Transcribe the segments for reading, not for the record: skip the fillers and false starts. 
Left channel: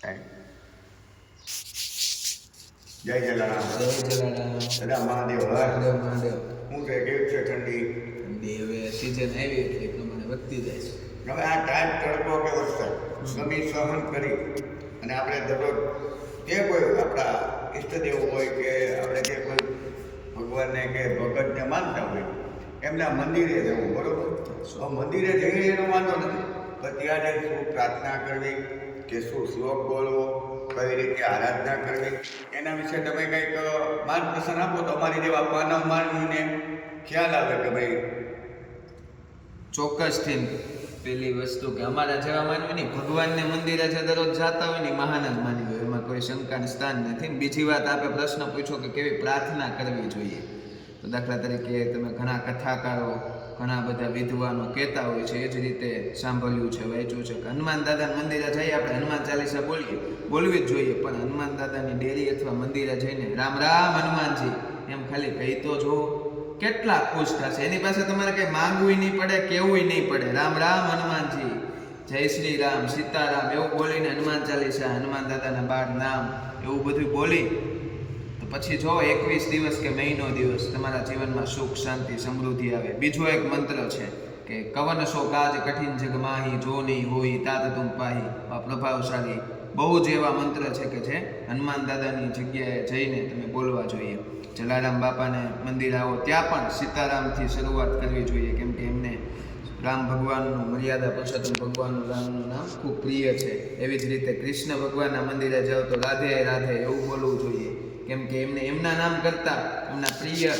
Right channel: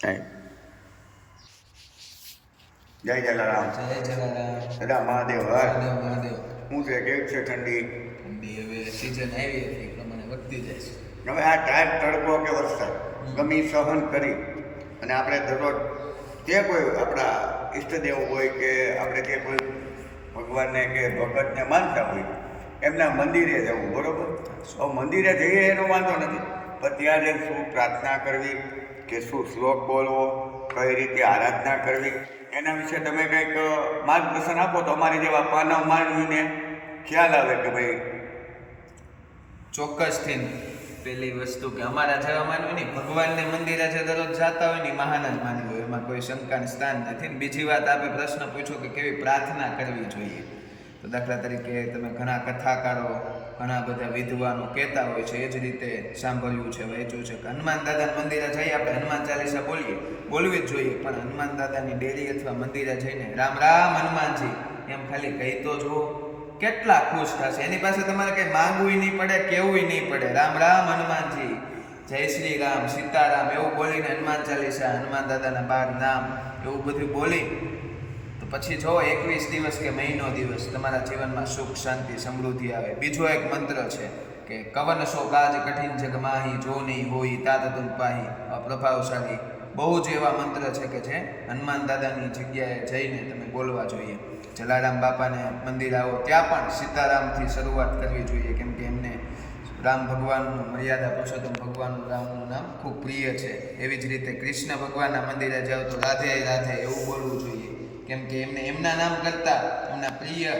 જય જલારામ. જય જલારામ. દાદા મહાદેવ હર. મહાદેવ મહાદેવ. શું છે કેક છે ઠંડી? ઠંડી હવે સિઝન આવી એટલે એ પ્રમાણે વધતી જાય છે. હવે આ ટાઈમ તડકો કે વરસાદ ગમે સહન કરી અને આપણે દરરોજ જે કોઈ આપણા ઈષ્ટદેવ હોય કે આપણે જે કોઈ ભગવાનને કે ભગતને માનતા હોય એમના મંદિરે જવું, બરોબર? હવે મંદિરે જઈએ એનો વાંધો નથી, પણ ત્યારે શું પ્રાર્થના કરવી કે શું શ્લોક બોલવો, કઈ રીતે આરાધના કરવી, એના વિશે તમે કંઈક માર્ગદર્શન આપો તો અમારી જેવા માનવ માનવીને ખ્યાલ આવે કે ભાઈ. ચોક્કસથી પેલી વસ્તુ કે અમારા જેવા માનવી નહીં, ભગવાનને મંદિરે જે દરરોજ જતા હોય ને મહાન જ માનવી હોય, એમાં કોઈ શંકાનું સ્થાન નથી. બીજી વાત, આપણે પ્રશ્ન પૂછો કે કેવી પ્રાર્થના કરવી જોઈએ, તો દાખલા તરીકે તમે ઘણા કથાકારો, ઘણા બધા વિદ્વાનો કહેતા હોય છે, એ જ રીતે સાંભળ્યું છે, વાંચ્યું છે કે હનુમાન દાદાના મંદિરે જઈએ આપણે હનુમાન ચાલીસા બોલવી જ જોઈએ, પણ હનુમાન દાદાની ડેરી અથવા મંદિરે જઈને રામ રામ હનુમાનજી એમ ખાલી કહી તો જુઓ, કેટલા ખુશ થશે. એની પાસે તમારે કંઈ માંગવું નહીં પડે, કેવું નહીં પડે. રામ રામ હનુમાનજી, જય શ્રી રામ, સીતારામ એવું બોલીને હનુમાન ચાલીસા, હનુમાન દાદાના 12 નામ એવું બધું બોલી તો પછી જો 21 દિવસ કે મહિનો દિવસ તમારા જીવનમાં સુખ શાંતિ સમૃદ્ધિ આવે. બીજો એક મંત્ર છે કે કવન સો કાજ કઠિન જગ માહી, જો નહીં હોય તાત તુમ પાહી. પ્રભાવશાળી બહુ જ એવા મંત્ર છે કે જે હનુમાન દાદાની જગ્યાએ જઈને તમે બોલવા જોઈએ. જલારામ બાપાને મંદિર આવો ત્યાં પણ સીતારામથી શરૂઆત કરવી જોઈએ, કેમ કે એમને રામ ભગવાનનું મર્યાદા પુરુષોત્તમ ભગવાનનું રામનું નામ ખૂબ પ્રિય છે. એવી જ રીતે કૃષ્ણ ભગવાનના મંદિરે જાઓ તો રાધે રાધે એવું બોલવું જોઈએ, કેમ કે એમને એમના નામ કરતાં એમના પ્રિય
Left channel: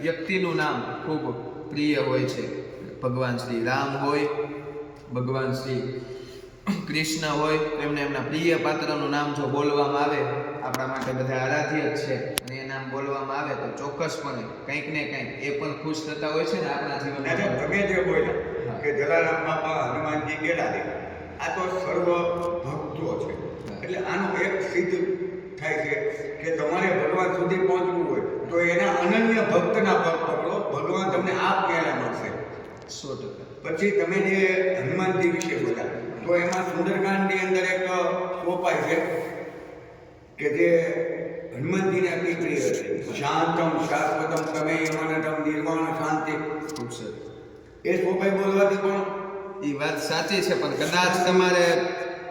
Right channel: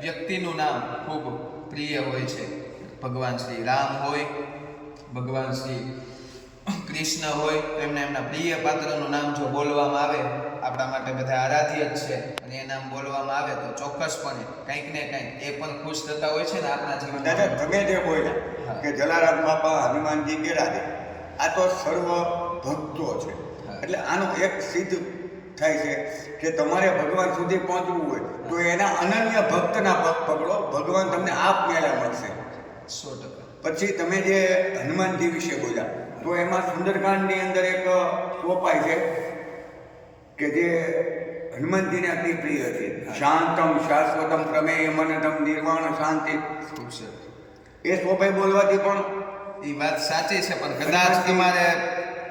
વ્યક્તિનું નામ ખૂબ પ્રિય હોય છે. ભગવાન શ્રી રામ હોય, ભગવાન શ્રી કૃષ્ણ હોય, એમને એમના પ્રિય પાત્રનું નામ જો બોલવામાં આવે, આપણા માટે બધા આરાધ્ય જ છે, અને એ નામ બોલવામાં આવે તો ચોક્કસપણે કંઈક ને કંઈક એ પણ ખુશ થતા હોય છે ને આપણા જીવનમાં. દાદા તમે જે બોલ્યા કે જલારામ બાપા હનુમાનજી ગેરાદે, આ તો સર્વ ભક્તો છે, એટલે આનું એક સિદ્ધ થાય છે કે તમારે ભગવાન સુધી પહોંચવું હોય તો એના અનન્ય ભક્તના પગ પકડો, ભગવાન તમને આપ પહેલા મળશે. 100%. પછી તમે જે હનુમાનજી વિશે બોલ્યા તો એમાં સુંદરકાંડની અંદર એક સોપાઈ છે કે જે હનુમાનજીને અતિ પ્રિય છે. શાંતમ શાશ્વતમ પ્રમેય મનનમ નિર્વાણ શાંતિ. ખૂબ સરસ. એ સોપાઈ બોલવાથી પણ એ વાત સાચી છે, પણ કદાચ તમારે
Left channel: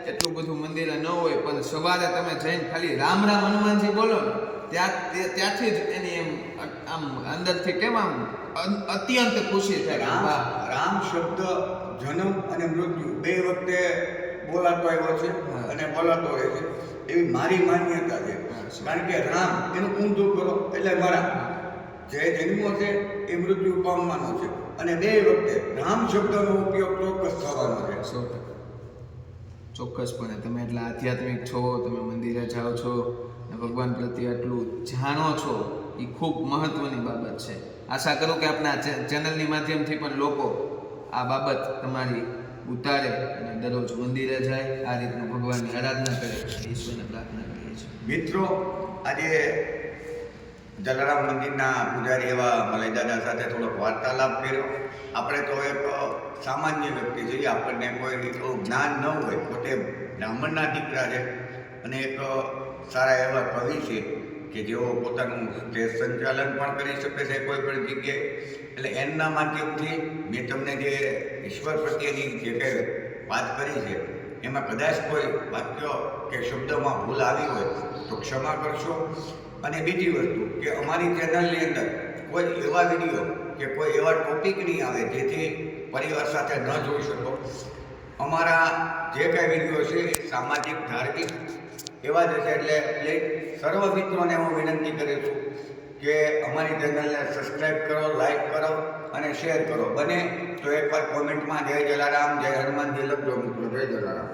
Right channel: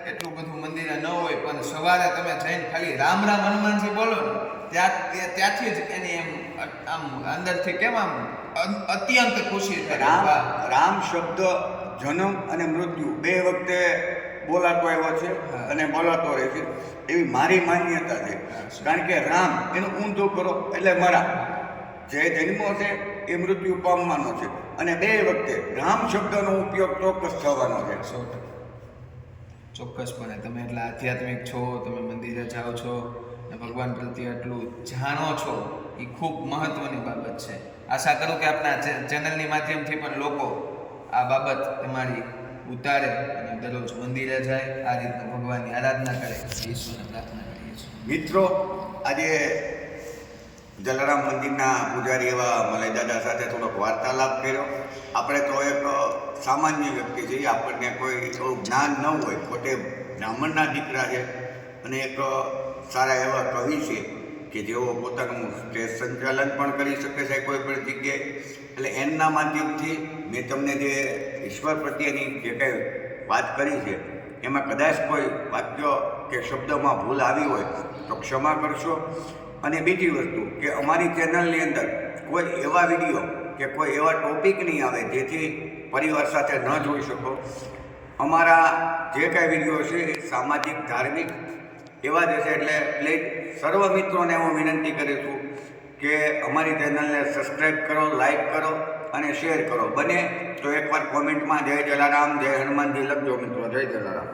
એટલું બધું મંદિરે ન હોય પણ સવારે તમે જઈને ખાલી રામ રામ હનુમાનજી બોલો ને ત્યાંથી જ એની એમ આમ અંદરથી કેમ આમ અત્યંત ખુશી થાય. રામ શબ્દ જન્મ અને મૃત્યુ બે વખતે બોલાતો આવ્યો છે અને બોલાતો રહે છે, એવી મારી માન્યતા છે. કારણ કે રામ એનું ઊંધું કરો એટલે મરા, જે જન્મો છે એ મૃત્યુ પામવાનો છે, અને બે વખતે રામ શબ્દનો ઉપયોગ ચોક્કસ થવાનો છે. 100%. ચોક્કસપણે તમે એટલા આધ્યાત્મિક છો, તમે મંદિરે જાઓ છો અને ભગવાન પ્રત્યે એટલું જાણો છો, એ ખૂબ મહત્વની બાબત છે. આશા કરું કે આપણા ચેનલની માધ્યમથી પણ લોકો આ બાબત તમારી ઉતારે અને દરરોજ મંદિરે જાય, આ રીતનું ભગવાનની આરાધના કરે, ઈશ્વરને પ્રાર્થના કરીએ છીએ. મિત્રો, આજે જલારામ મંદિરના પૂજારી એવા મલાઈ દાદા સાથે થોડોક વાર્તાલાપ કર્યો. આપણે તો એક સામાન્ય વ્યક્તિ છીએ, આપણને કોઈ એવું જ્ઞાન ન હોય, પોતે બ્રાહ્મણના દીકરા છે અને એક સારા એવા કવિ છે કે જેઓ પોતાનું સ્ટેજ સંચાલન પણ કરી શકે છે કોઈ પણ જગ્યાએ. એટલે એમના માધ્યમથી મેં તમને જે ઈશ્વર પ્રત્યેની જે કંઈ વાત કરી છે એમાં કદાચ કોઈ વાક્ય કે શબ્દમાં ભૂલ આવી હોય તો ક્ષમા કરશો. અને બીજી વસ્તુ કે અમારી ચેનલની અંદર કોઈ એવા વિડીયો કે કોઈ એવા ટોપિક નહીં આવે જેથી પરિવાર સાથે ન જોઈ શકો. અમારા જે કાંઈ વિડીયો છે એ સામાજિક ધાર્મિક એવા જ હશે, એટલે પ્લીઝ સર્વ મિત્રોને હું વિનંતી કરું છું કે અમારી ચેનલને સબસ્ક્રાઈબ કરો, લાઈક કરો અને શેર કરો. બને તો એકવાર કોમેન્ટમાં જય જલારામ, જય હનુમાનજી લખજો મિત્રો. જય જલારામ.